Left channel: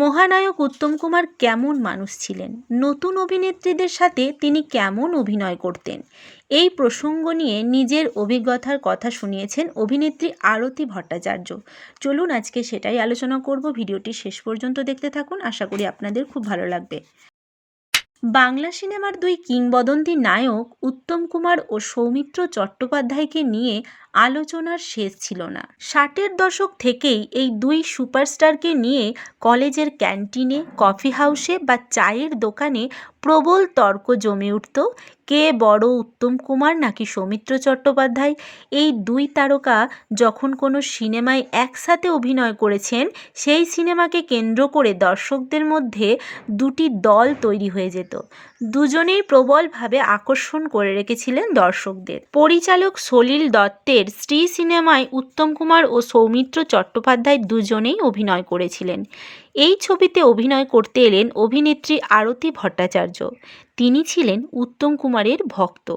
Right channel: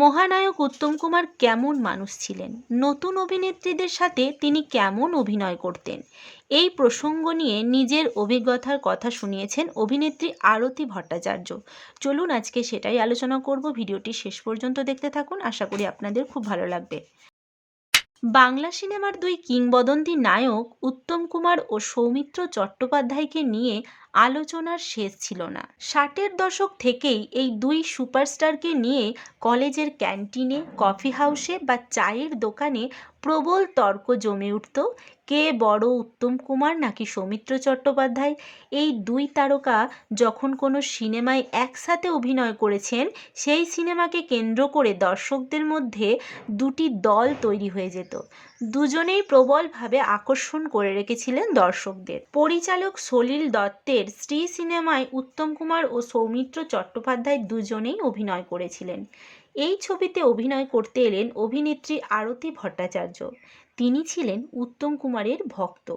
মহানায়ক উত্তম কুমার কেমন মানুষ ছিলেন, নতুন অভিনেত্রীদের সাথে তিনি কেমন অভিনয় করতেন, এই প্রসঙ্গ নিয়ে নিজের অভিজ্ঞতার কথা শুনিয়েছেন অভিনেত্রী আরতি ভট্টাচার্য। চলুন আজকে সেটাই আলোচনা করব। ভিডিওটি শেষ পর্যন্ত দেখতে থাকুন, আশা করি আপনাদের খুব ভালো লাগবে। বাংলা সিনেমার দুই কিংবদন্তি নায়ক উত্তম কুমার ও সৌমিত্র চট্টোপাধ্যায়কে নিয়ে আলোচনার শেষ ছিল না। 60-এর দশক থেকেই এই দুই সুপারস্টারকে নিয়ে কলেজের ক্যান্টিনে, কফি হাউসে বা চায়ের দোকানে প্রবল তর্ক জমে উঠত। কে বড়, উত্তম কুমার নাকি সৌমিত্র চট্টোপাধ্যায়? এই দুই তারকা যখন কোনো সিনেমায় একসাথে অভিনয় করেছেন, সেই সিনেমাকে কেন্দ্র করে দর্শকদের মধ্যে দুটি দল তৈরি হয়ে যেত। দুজনেই প্রবলভাবে আকর্ষণ করে রেখেছিলেন দর্শকদের। পরিচালক সলিল দত্তের স্ত্রী সিনেমায় উত্তম কুমার ও সৌমিত্র চট্টোপাধ্যায় দুজনেই অভিনয় করেছিলেন। এই ছবিতে অভিনয় করতে এলেন অভিনেত্রী আরতি ভট্টাচার্য। তিনি ছিলেন উত্তম কুমারের ভক্ত।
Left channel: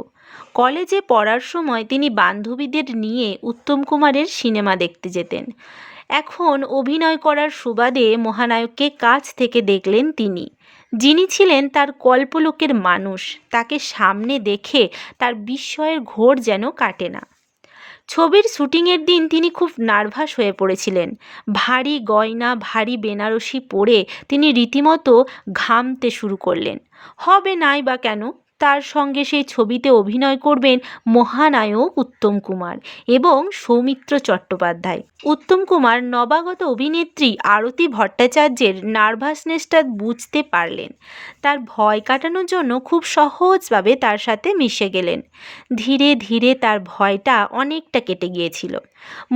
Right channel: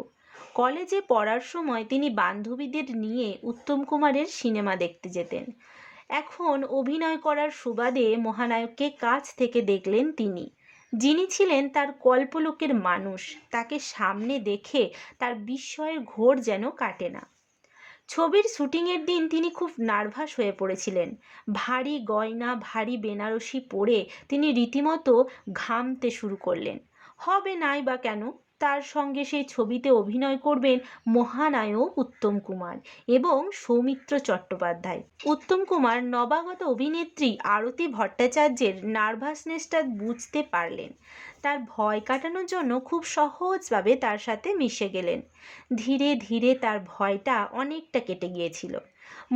কলেজে পড়ার সময় তিনি বান্ধবীদের নিয়ে উত্তম কুমারের সিনেমা দেখতে যেতেন। এখন অভিনয় করার সুবাদে মহানায়ককে কাছ থেকে দেখলেন তিনি। যিনি ছিলেন তার কল্পলোকের মানুষ, তাকে সামনে দেখে তার বিস্ময়ের ঘোর যেন কাটে না। ছবির শুটিংয়ের দিন তিনি খুব নার্ভাস হয়ে পড়েছিলেন। ভারী গয়না, ভারী বেনারসি পরে তিনি রীতিমতো ঘামতে শুরু করলেন। হবে নাই বা কেন, তার সঙ্গে সেই ছবিতে অভিনয় করবেন মহানায়ক উত্তম কুমার এবং সৌমিত্র চট্টোপাধ্যায়। উত্তম কুমার নবাগত অভিনেত্রী আরতি ভট্টাচার্যের নার্ভাসনেসটা বুঝতে পারলেন। তার ভয় কাটানোর জন্য খুব সহজভাবে তার সাথে মিশে গেলেন। ধীরে ধীরে তার ভয়টা অনেকটা কেটে গিয়েছিল।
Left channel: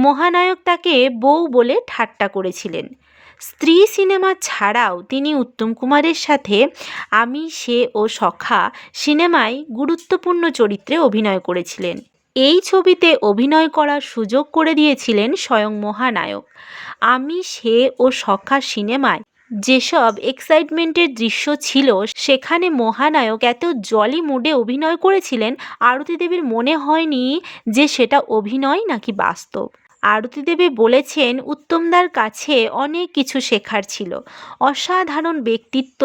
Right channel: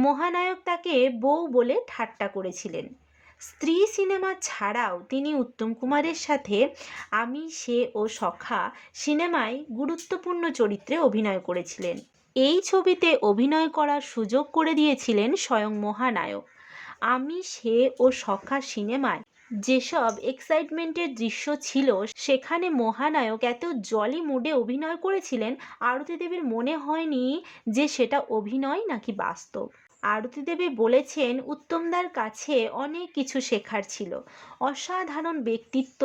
মহানায়ক তাকে বউ বলে ঠাট্টা করেছিলেন। স্ত্রী সিনেমা ছাড়াও তিনি উত্তম কুমারের সাথে আমি, সে ও সখা সিনেমায় গুরুত্বপূর্ণ চরিত্রে অভিনয় করেছিলেন। এই ছবিতে অভিনয় করার সুযোগ করে দিয়েছিলেন স্বয়ং মহানায়ক। আমি, সে ও সখা সিনেমায় যেসব এক্সাইটমেন্টের দৃশ্য ছিল, সেখানে মহানায়ক এত জলি মুডে অভিনয় করেছিলেন, আরতি দেবীর মনে হয়নি যে সেটা অভিনয় নাকি বাস্তব। আরতি দেবী বলেছেন উত্তমদার কাছে অনেক কিছু শেখার ছিল। অসাধারণ ব্যক্তিত্ব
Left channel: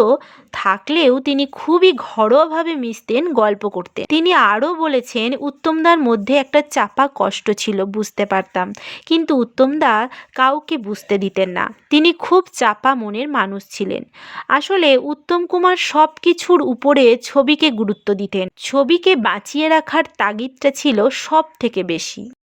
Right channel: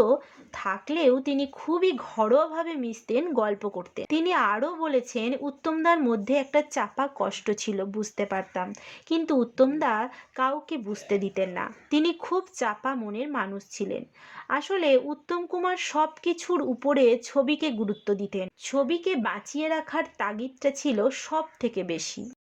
থাকলেও তিনি খুবই ঘরোয়াভাবে মিশতেন, গল্প করতেন। তিনি আরও বলেছেন উত্তমদার মধ্যে একটা চাপা কষ্ট ছিল, বুঝতে পারতাম, কিন্তু উত্তমদা কাউকে বুঝতে দিতেন না। তিনি খুব চাপা মনের মানুষ ছিলেন। আসলে উত্তম কুমার সব কিছুর উপরে ছবিকে গুরুত্ব দিতেন। ছবিকে বাঁচিয়ে রাখার তাগিদটা ছিল সব থেকে বেশি।